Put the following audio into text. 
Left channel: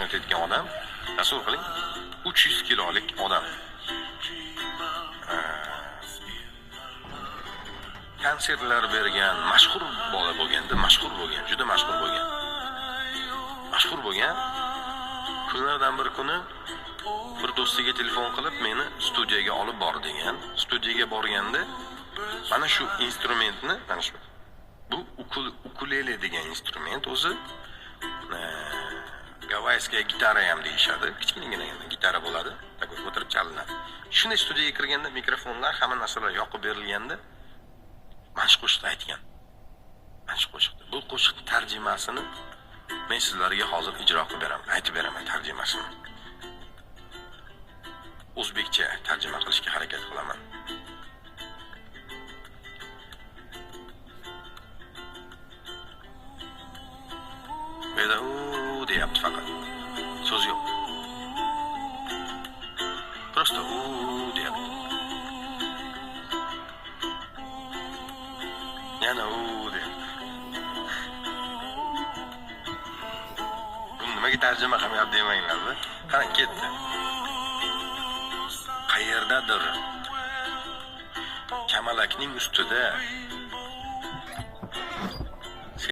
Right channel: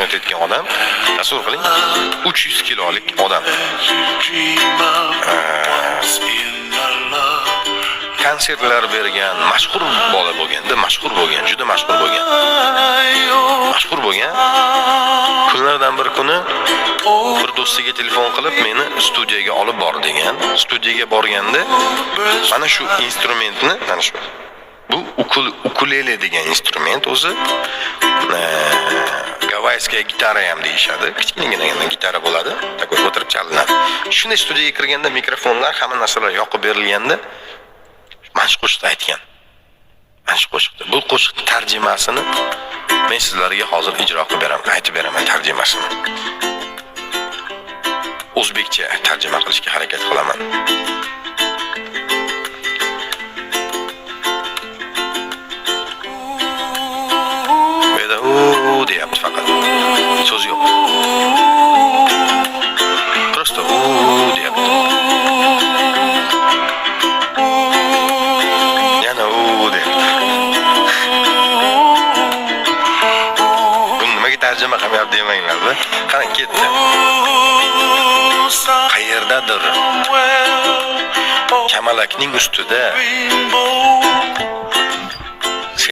mashq etayotgan odam, tasavvur qiling, 300 kilolik odam. Konsertlar bergan, mashhur bola bo'lganda, juda mashhur bo'lgan. Kunlardan bir kuni bir do'stiga telefon qilib, meni studiyaga olib bor degan. Studiyaga borganda mana shu instrumentni, mana shu bu ukulele degan instrument o'zi gavayskiy gitara ham deyishadi. Kichkinagina gitara bo'ladi, takoy o'tirib chalinadi. Shunday studiyaga kirganda mikrofonlar, hamma narsalar yoqib berilganda mashq qo'shiq aytgan. Mashq qo'shiqda. Bu qo'shiq tarjimasini men sizlarga hozir ijro qilib beraman, aytib beraman tarjimasini. O'zbekcha tarjima qilishga harakat qilaman. Menda deyapti faqat. So'z yo'q. Просто deyapti. Yana deyapti. Buni nimaga tarjima qilyapti demanglar-da. Qani ketdi. Qayerdadir kamalakning ustida